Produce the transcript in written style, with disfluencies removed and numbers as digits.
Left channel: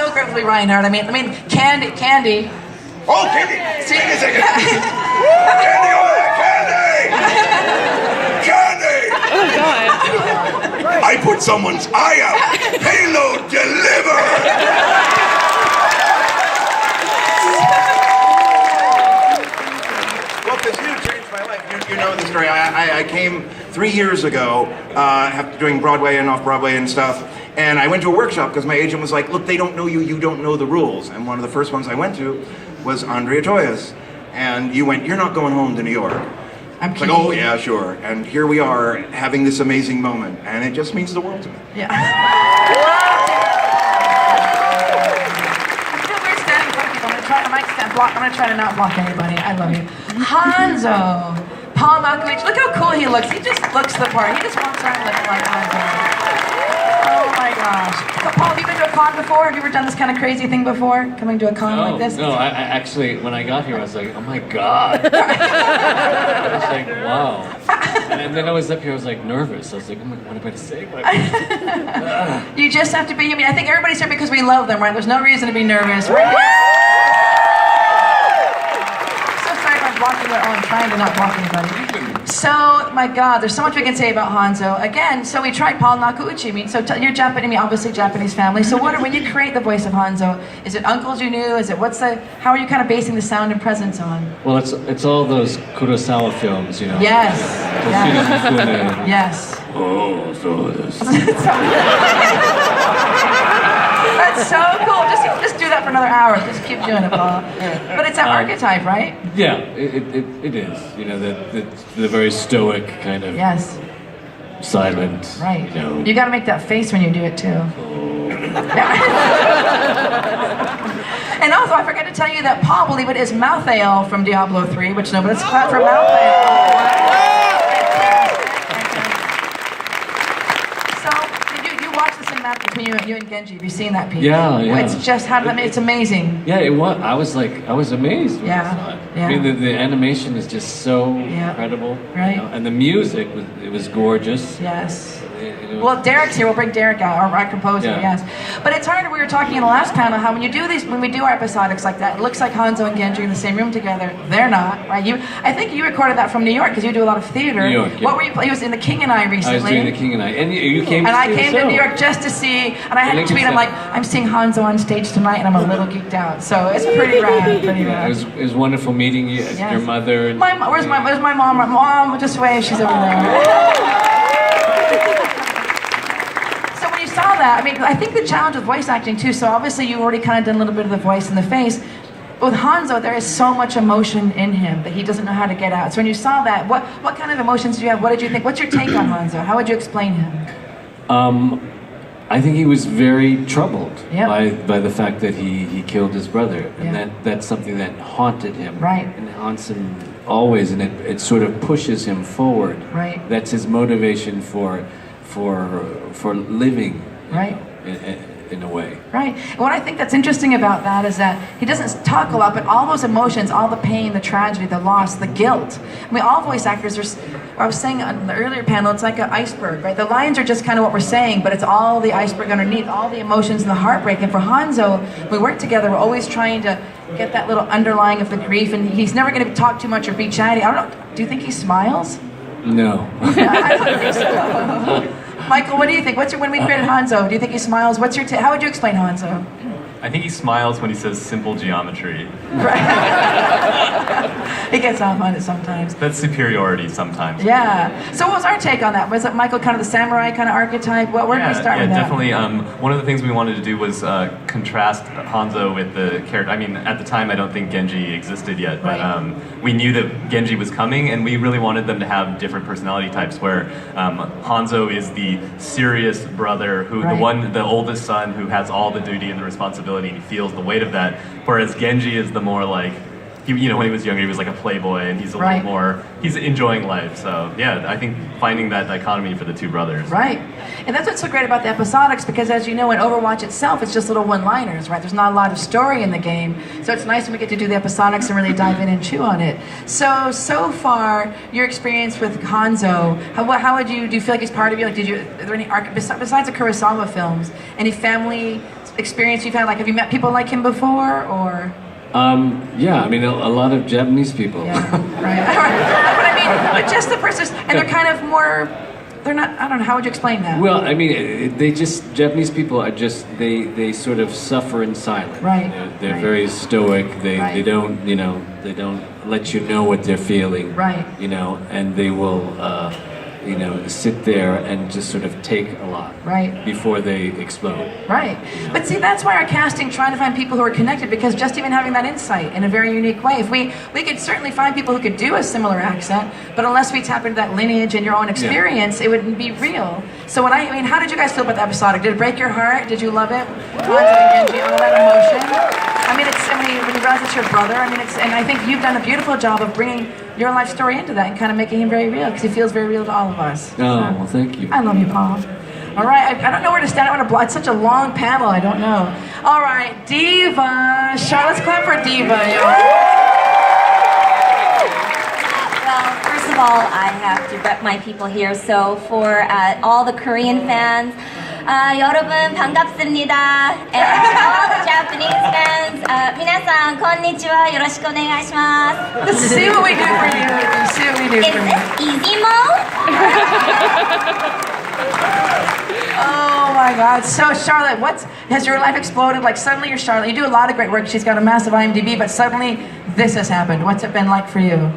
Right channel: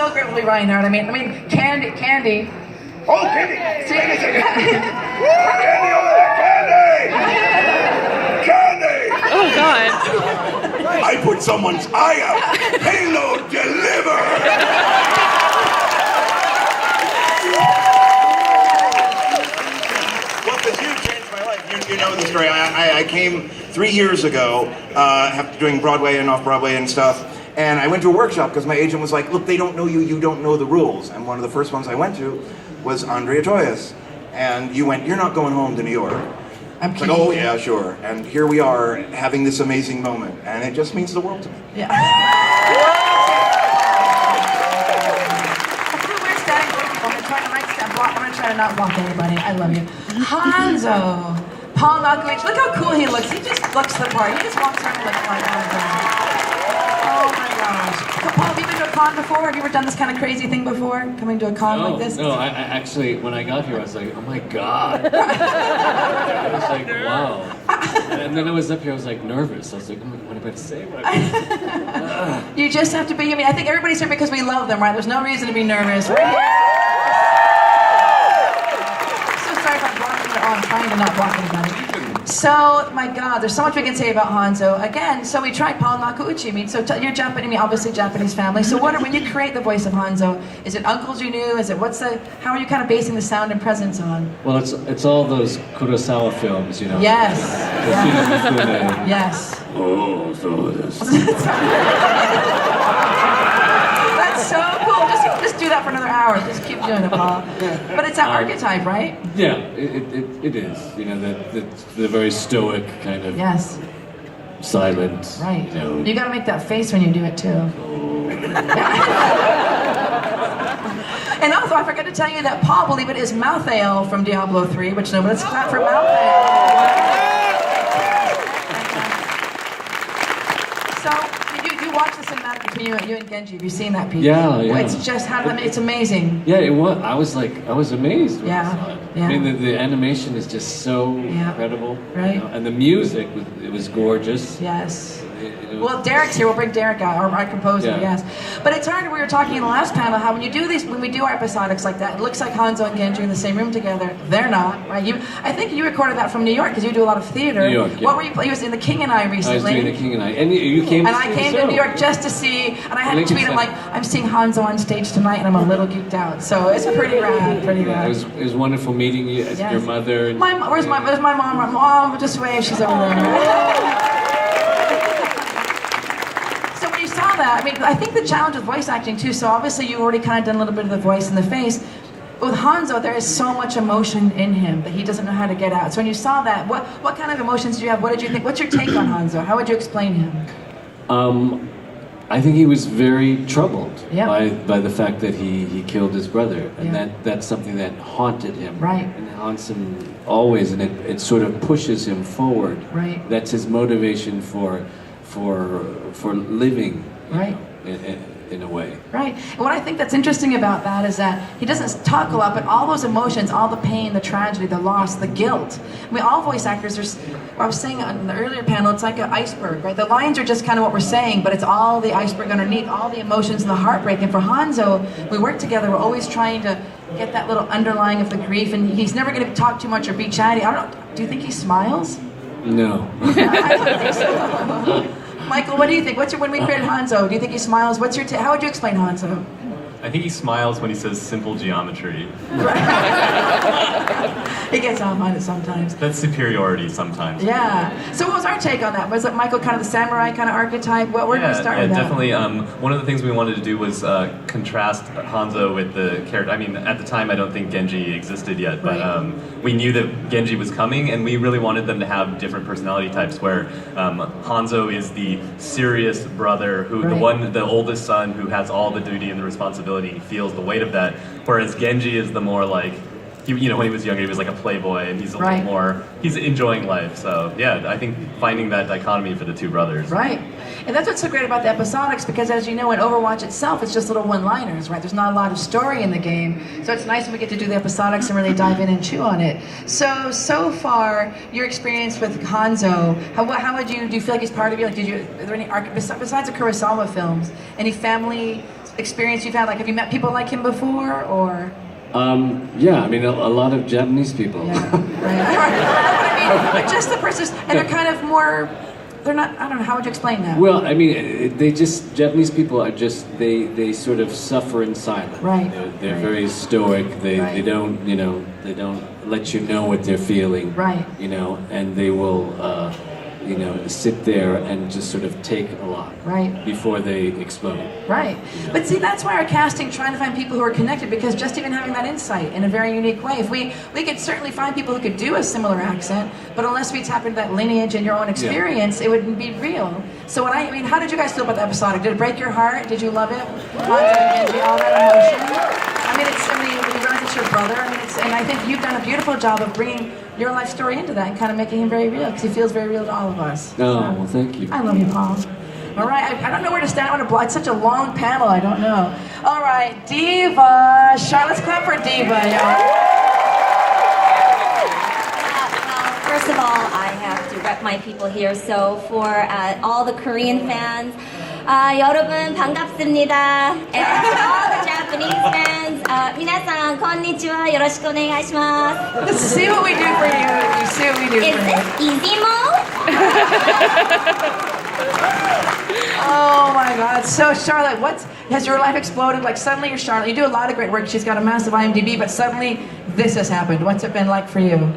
so great to be Reinhardt. I mean, Candy. Oh, Candy! See? Candy, oh yeah, Candy! Candy! Oh God! I put someone's eye out. Payload deliver! Well, because you changed my life. You know the story. I came 3 years ago, after doing Broadway and off-Broadway and stuff, and I went to a workshop because my agent was like, look, they don't know you, you don't know the rules. And one of the first ones I went to was Andrea Toya's. And you went, you're not going home to New York. I'm It's like, oh yeah, sure. And here we are having this amazing moment. And it just means the world to me. Yeah. I'm gonna try to not block anybody. I love you. Hanzo. Paul Malkovich. Look how cool he looks. He just looks the part. He just walks around and looks like Hanzo. Oh my gosh. So Paul, have you been to a con before? Have you ever done this kind of crazy thing before? Coming to a con like this? No, I actually, when I got here, I was like, oh my God. I was like, wow. And then I was up here, I was like nervous. I was like, oh my, what am I to say? You just have to be, I mean, I think everybody's here because we love them, right? There's no reason to be nervous. Right? So sorry if I'm blocking it. Oh, I'm trying to not block anybody. So, my God, there's so much we can say about Hanzo. Again, so we tried Paul Nakauchi. I mean, so you're Japanese, I mean, obviously Japanese family. So when you create the voice of Hanzo, is it uncles you knew? Is it how are you kind of basing the sound and presence on? Well, it's all those Kurosawa films, you know. Yes. Yeah. Yes. Oh, so this. That's so cool. Just do that for another hour. Just keep doing it, Paul. But it's an archetype, right? Yeah, it is. You know, the very stoic kind of silent. Right. You know. You got to make that face when you do it too. And also, I forgot to tell you that Paul, believe it, is Malthael from Diablo 3, which nobody's clapped for Malthael. Wow. Between you and Genji, have you seen that piece? Yeah. It's just it's amazing. Yeah, it was. I was amazed. Yeah. I mean, the animation is just so incredible. Right. You know? And the music, it was gorgeous. Yes. Well, Derek's here. We'll bring Derek out, our composer. Yes. But it's hard. We were talking in the last panel how when we do our episodics like that, it looks like Hanzo and Genji are in the same room together. They're not, right? I think you recorded that from New York because you do a lot of theater. New York. Yeah. What were you? He was in The King and I recently. I was doing The King and I, and you came. And I came to New York just to see, and I had to tweet. I'm like, I'm seeing Hanzo on stage tonight, and I'm a little geeked out. So it's pretty rad. Pretty rad. It was wonderful meeting you, your mother. And where's my mom? My mom, just wave. She's over there. I mean, I think the challenge with voice acting too, so obviously you already kind of done a little bit of the voice in the face. With Hanzo, there is so much emotion in him that he doesn't know how to get out. So when you saw that, what kind of emotions did you have? What did you think? What's your take on Hanzo? How would you explain him? I think he was very troubled by the fact that he killed his brother. And that's something that haunted him. Right. And it haunts him always, and it sort of pushes him forward. Right. That's his motivation for living. Right. In a way. Right. And what I think that's interesting about that is that he doesn't talk a lot, but all those emotions, all the pain, the tragedy, the loss, the guilt. I mean, all voice actors I was saying on the earlier panel, it's like an iceberg, right? The lines are just kind of what we're saying, but it's all the iceberg underneath, all the emotions and the heartbreak. And for Hanzo, we work together, we're always trying to get that little underlying of the grief, and he's never going to talk too much or be chatty. I don't know. Do you think he smiles? No. I don't think so. Michael, what do you think? When we created Hanzo, do you think he smiles? How would you explain Hanzo? I think he smiles when he says simple geometry. Right. He gets off on it sometimes. That's superiority sometimes. Yeah. So what was our take on that? Was it Michael kind of the samurai kind of archetype? Where did we start with that? Definitely. One of the things we wanted to do was contrast Hanzo with the character. I mean, at the time, I don't think Genji existed yet, but we knew that Genji was coming, and we really wanted them to have different personality types. Where Hanzo is the serious brother, the oldest son, who has all the duty and the responsibility. He feels the weight of that, whereas Genji is the more like, when he was younger, he was like a playboy, and he's a little more, he's enjoying life. So yeah, I think finding that dichotomy for the two brothers. Right. And that's what's so great about the episodics, because as you know, in Overwatch itself, it's just little one-liners, right? There's not a lot of story in the game. So it's nice when we get to do the episodics and really dive in and chew on it. So far, your experience with Hanzo, how would do you feel like he's part of you? Like, are there any besides the Kurosawa films, any family experience you've had? Like, have you met people like him before, or? Yeah, I mean, a lot of Japanese people. Yeah, right. But I mean, but just the persons, and they're kind of more. They're not. I don't know. How would you explain that? Well, I mean, Japanese people are just they sort of suffer in silence. Right. They're Right. very stoic. They Right. don't they don't let you know what they're feeling. Right. And they will sit there and just sort of take a lot. Right. Before they explode. Right. But see, that's why our casting trying to find people who are connected, because just even having that insight in a very unique way, if we could certainly find people who could do a similar accent, but unless we tap into that lineage and your own experience, it wouldn't be real. So I mean, how did you guys feel about the episode? Did it break your heart? Did you love it? All that emotion. When you realize it's your brother, and I think you've done a beautiful job of bringing your life story into that and kind of making him very real, because he feels very real to all of us. Oh, well, thank you. I love you, Paul. All right, I don't know where to stand. It's such a long panel, I don't know. All right, Diva. Let's clap for Diva. First of all, I have to rep my people here. So for all the Korean fans, 여러분 반갑습니다. And all the Japanese fans, 皆さんこんにちは。よろしくお願いします。Let's see what we do for you. Let's see what we do Is for you. this easy mode? Oh my God. So Charlotte, has your life exploded? Like suddenly you're Charlotte. You do a lot of great work. She's got a massive IMDb, but suddenly this has happened. What's it been like for you?